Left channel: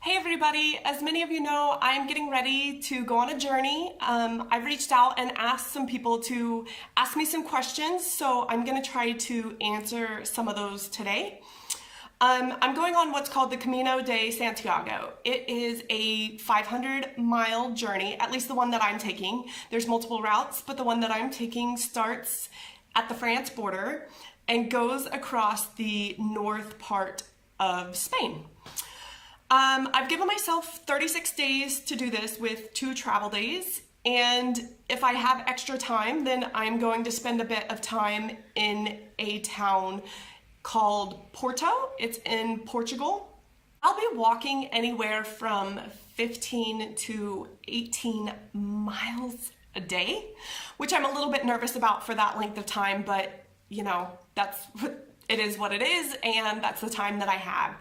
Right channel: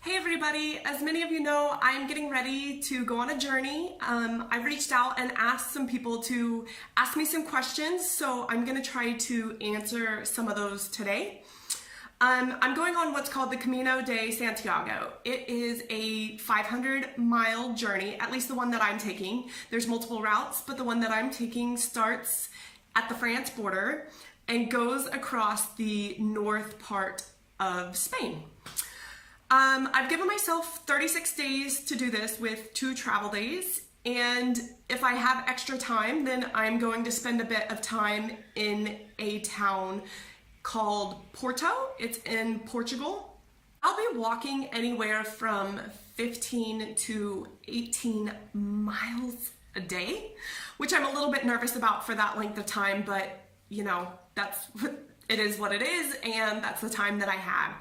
Hey everybody, as many of you know, I'm getting ready to go on a journey. I've reached out and asked some people to ask me some questions, so I'm gonna try to answer some of those today. I'm going on what's called the Camino de Santiago. It is a 500-mile journey, at least the one that I'm taking. There's multiple routes, but the one that I'm taking starts at the France border and goes across the north part of Spain. I've given myself 36 days to do this with 2 travel days, and if I have extra time, then I'm going to spend a bit of time in a town called Porto. It's in Portugal. I'll be walking anywhere from 15 to 18 miles a day, which I'm a little bit nervous about for that length of time, but you know, it is what it is, and that's the time that I have.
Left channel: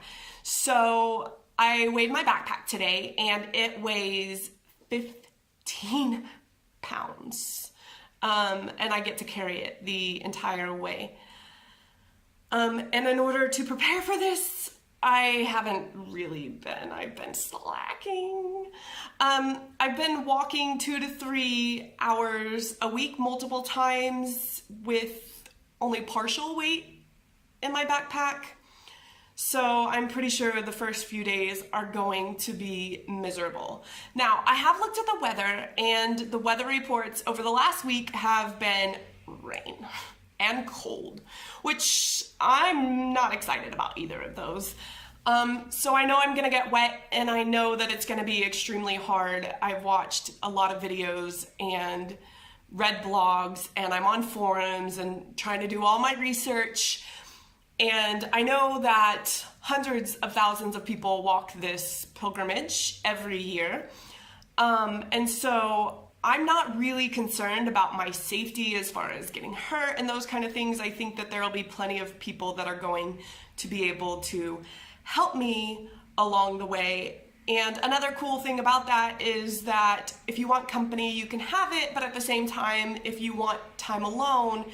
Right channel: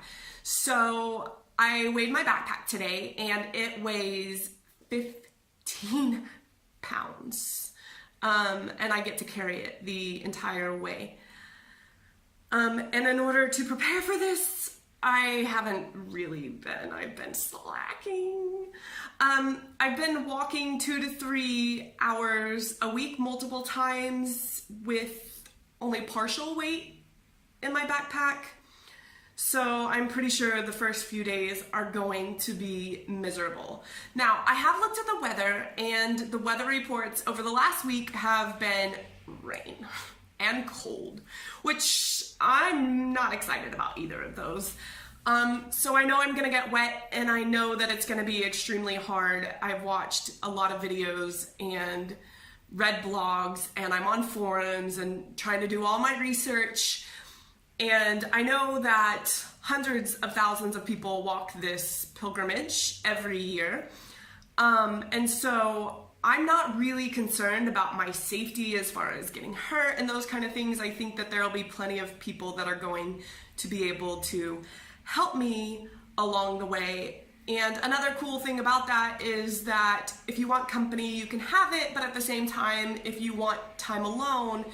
So I weighed my backpack today and it weighs 15 pounds. And I get to carry it the entire way. And in order to prepare for this, I haven't really been, I've been slacking. I've been walking 2 to 3 hours a week, multiple times with only partial weight in my backpack. So I'm pretty sure the first few days are going to be miserable. Now, I have looked at the weather, and the weather reports over the last week have been rain and cold, which I'm not excited about either of those. So I know I'm gonna get wet, and I know that it's gonna be extremely hard. I've watched a lot of videos and read blogs, and I'm on forums and trying to do all my research. And I know that hundreds of thousands of people walk this pilgrimage every year. And so I'm not really concerned about my safety as far as getting hurt and those kind of things. I think that there will be plenty of people that are going to be able to help me along the way. And another cool thing about that is that if you want company, you can have it, but at the same time, if you want time alone,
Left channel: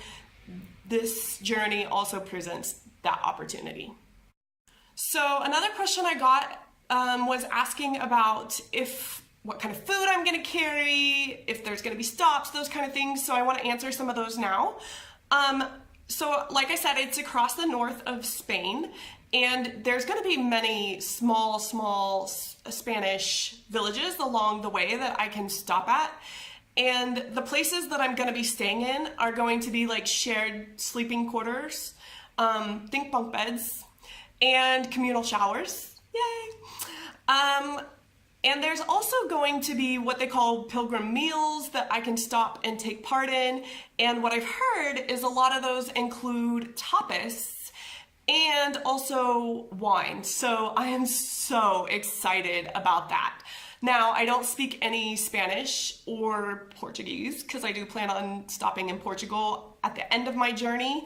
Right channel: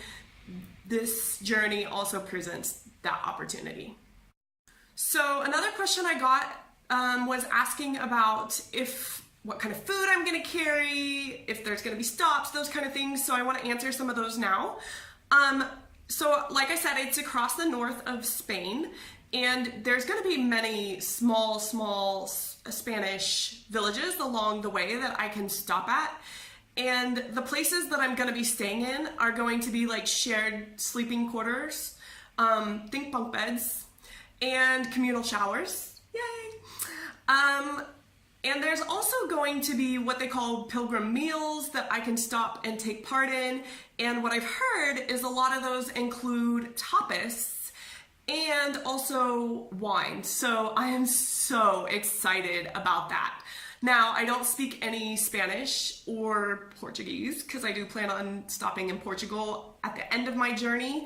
this journey also presents that opportunity. So another question I got was asking about what kind of food I'm gonna carry, if there's gonna be stops, those kind of things. So I wanna answer some of those now. So like I said, it's across the north of Spain, and there's gonna be many small Spanish villages along the way that I can stop at. And the places that I'm gonna be staying in are going to be like shared sleeping quarters, think bunk beds, and communal showers. Yay! And there's also going to be what they call pilgrim meals that I can stop and take part in. And what I've heard is a lot of those include tapas and also wine. So I am so excited about that. Now, I don't speak any Spanish or Portuguese because I do plan on stopping in Portugal at the end of my journey.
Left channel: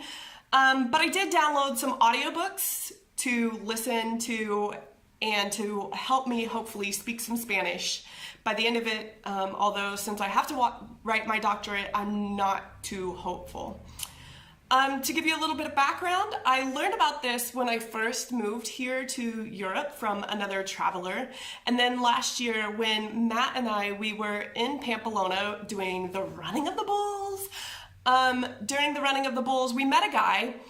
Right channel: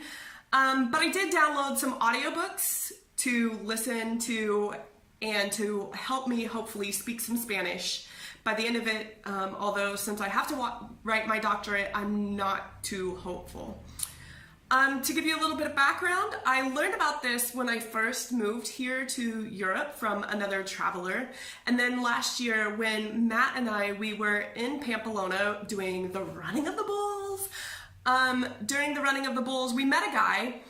But I did download some audiobooks to listen to and to help me hopefully speak some Spanish by the end of it, although since I have to write my doctorate, I'm not too hopeful. To give you a little bit of background, I learned about this when I first moved here to Europe from another traveler. And then last year when Matt and we were in Pamplona doing the running of the bulls. During the running of the bulls, we met a guy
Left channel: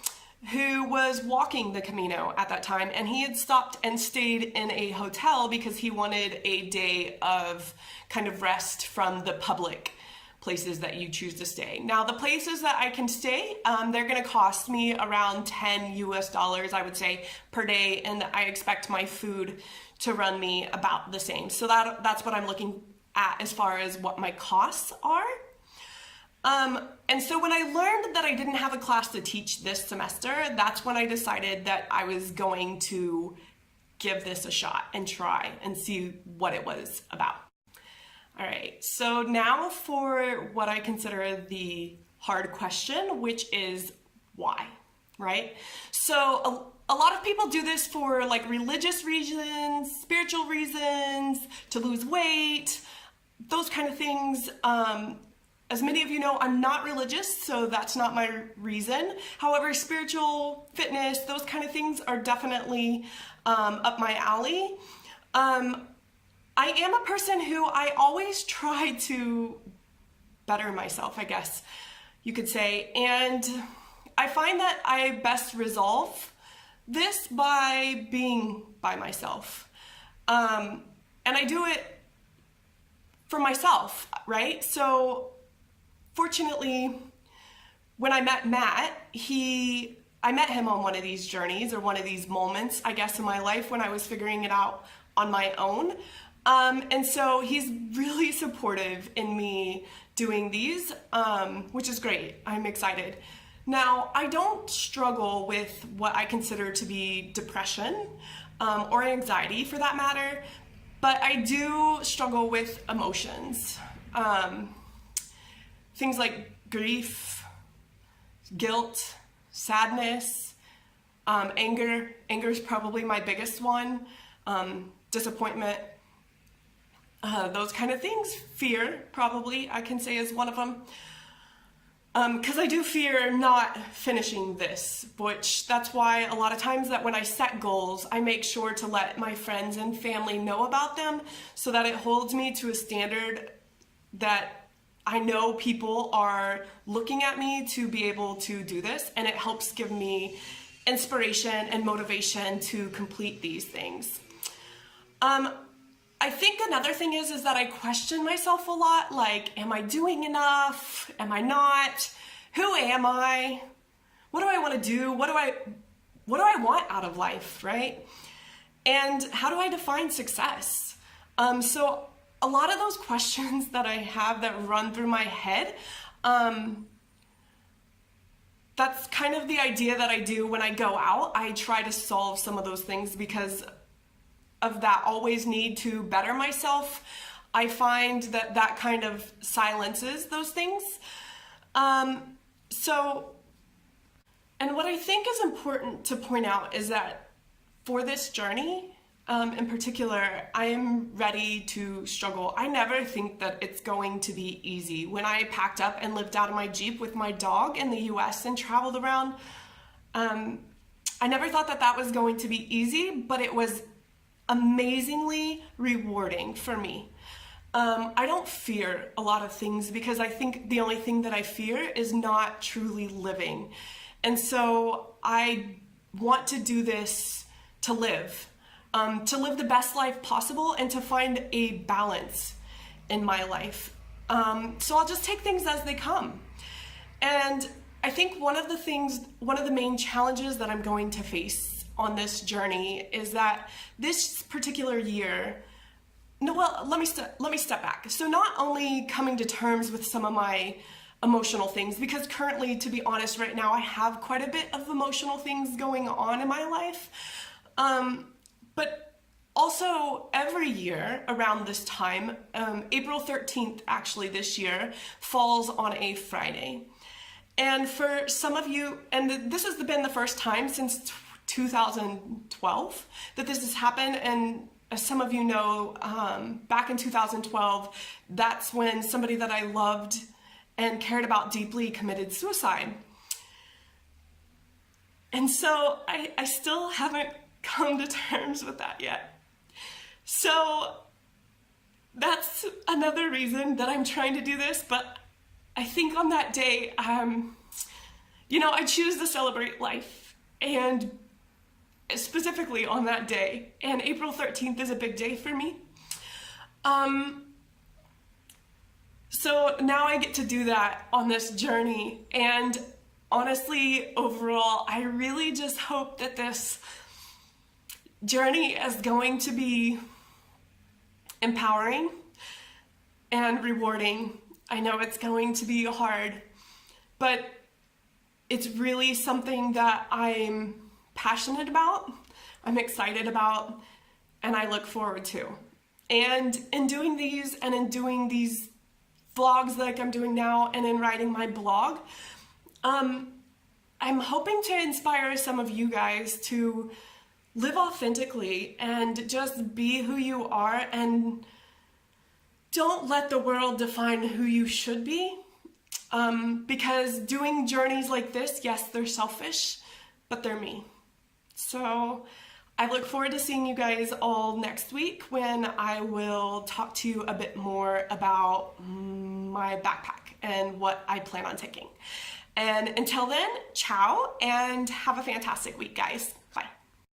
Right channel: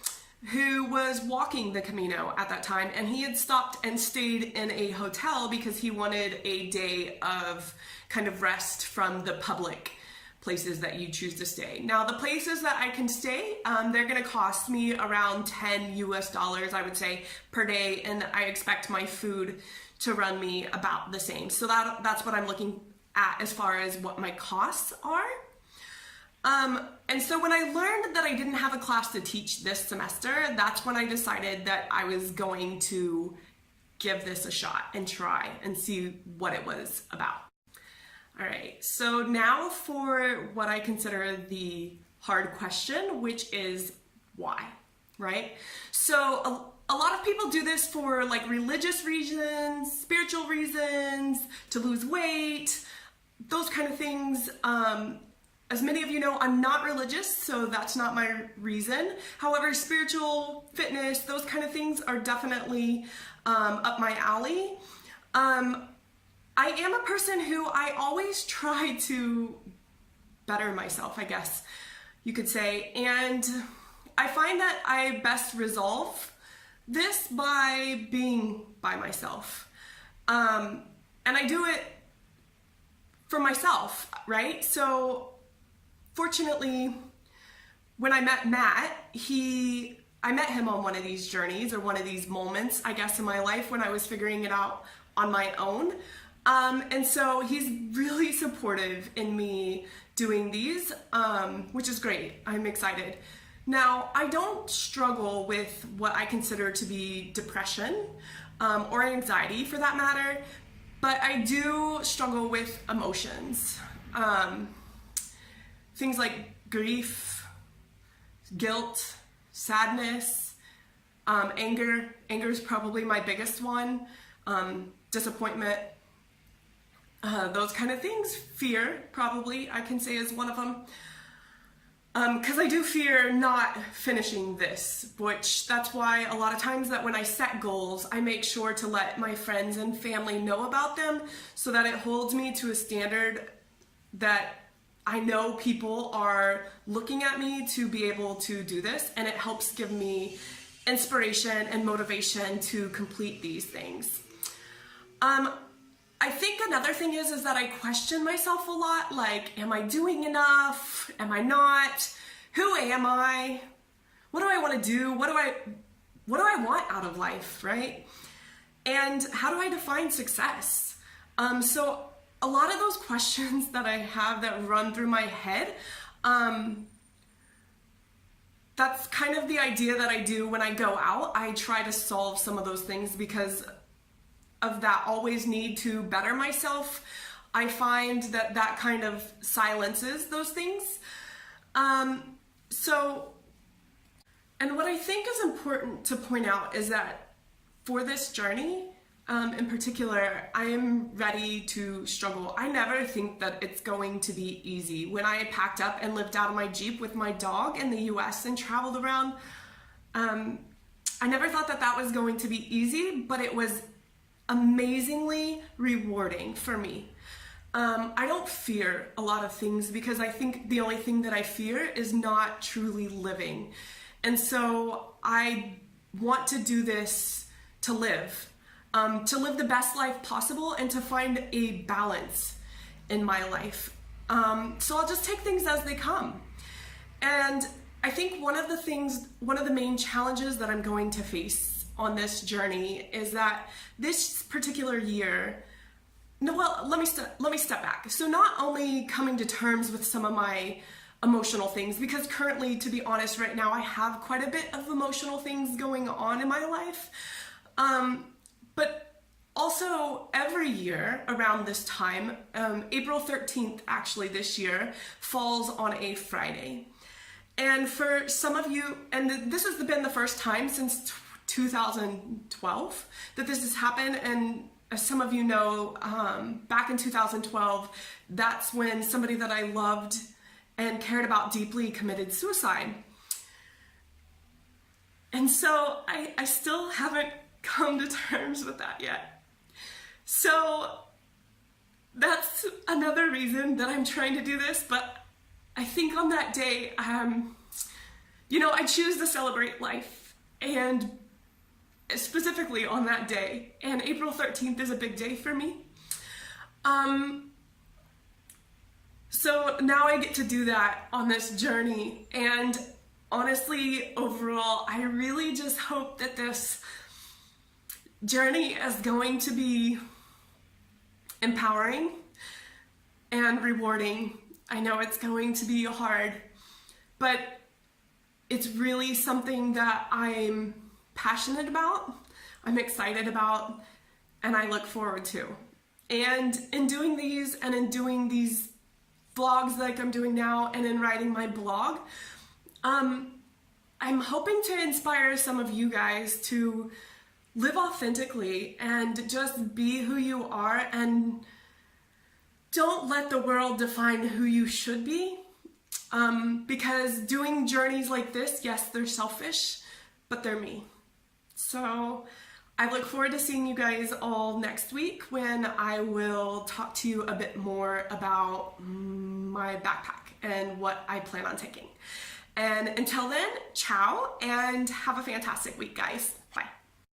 who was walking the Camino at that time, and he had stopped and stayed in a hotel because he wanted a day of kind of rest from the public places that you choose to stay. Now, the places that I can stay, they're gonna cost me around $10 US, I would say, per day, and I expect my food to run me about the same. So that's what I'm looking at as far as what my costs are. And so when I learned that I didn't have a class to teach this semester, that's when I decided that I was going to give this a shot and try and see what it was about. All right, so now for what I consider the hard question, which is why, right? So a lot of people do this for like religious reasons, spiritual reasons, to lose weight, those kind of things. As many of you know, I'm not religious, so that's not my reason. However, spiritual, fitness, those kind of things are definitely up my alley. I am a person who I always try to better myself, I guess you could say. And I find that I best resolve this by being by myself. And I do it for myself, right? So fortunately, when I met Matt, I met him on one of these journeys or one of these moments, I guess, in my life when I was figuring it out on my own. And so he's really supportive in me doing these, which is great. I'm excited. Now, I don't struggle with what I consider to be depression, or anxiety for that matter, but I do struggle with emotions. Things like grief, guilt, sadness, anger. Anger is probably my biggest one. Disappointment, those kind of things. Fear, probably, I can say is one of them. Because I do fear not finishing this, which that's why a lot of times that when I set goals, I make sure to let my friends and family know about them so that it holds me to a standard that I know people are looking at me to be able to do this, and it helps give me inspiration and motivation to complete these things. I think another thing is that I question myself a lot, like, am I doing enough? Am I not? Who am I? What do I want to do? What do I want out of life, right? And how do I define success? So a lot of those questions that I have that run through my head, that's kind of the idea that I do when I go out. I try to solve some of those things because of that always need to better myself. I find that that kind of silences those things. And what I think is important to point out is that for this journey, in particular, I am ready to struggle. I never think that it's going to be easy. When I packed up and lived out of my Jeep with my dog in the US and traveled around, I never thought that that was going to be easy, but it was amazingly rewarding for me. I don't fear a lot of things because I think the only thing that I fear is not truly living. And so I want to do this to live the best life possible and to find a balance in my life. So I'll just take things as they come. And I think one of the main challenges that I'm going to face on this journey is that this particular year, let me step back. So not only coming to terms with some of my emotional things, because currently, to be honest, right now I have quite a bit of emotional things going on in my life, but also every year around this time, April 13th actually this year falls on a Friday. And for some of you, and this has been the first time since 2012 that this has happened, and as some of you know, back in 2012, that's when somebody that I loved and cared about deeply committed suicide. And so I still haven't come to terms with that yet. So that's another reason that I'm trying to do this, but I think on that day, I choose to celebrate life, and specifically on that day, and April 13th is a big day for me. So now I get to do that on this journey, and honestly, overall, I really just hope that this journey is going to be empowering and rewarding. I know it's going to be hard, but it's really something that I'm passionate about, I'm excited about, and I look forward to. And in doing these and in doing these vlogs like I'm doing now and in writing my blog, I'm hoping to inspire some of you guys to live authentically and just be who you are, and don't let the world define who you should be. Because doing journeys like this, yes, they're selfish, but they're me. So I look forward to seeing you guys all next week when I will talk to you a bit more about my backpack and what I plan on taking. And until then, ciao and have a fantastic week, guys.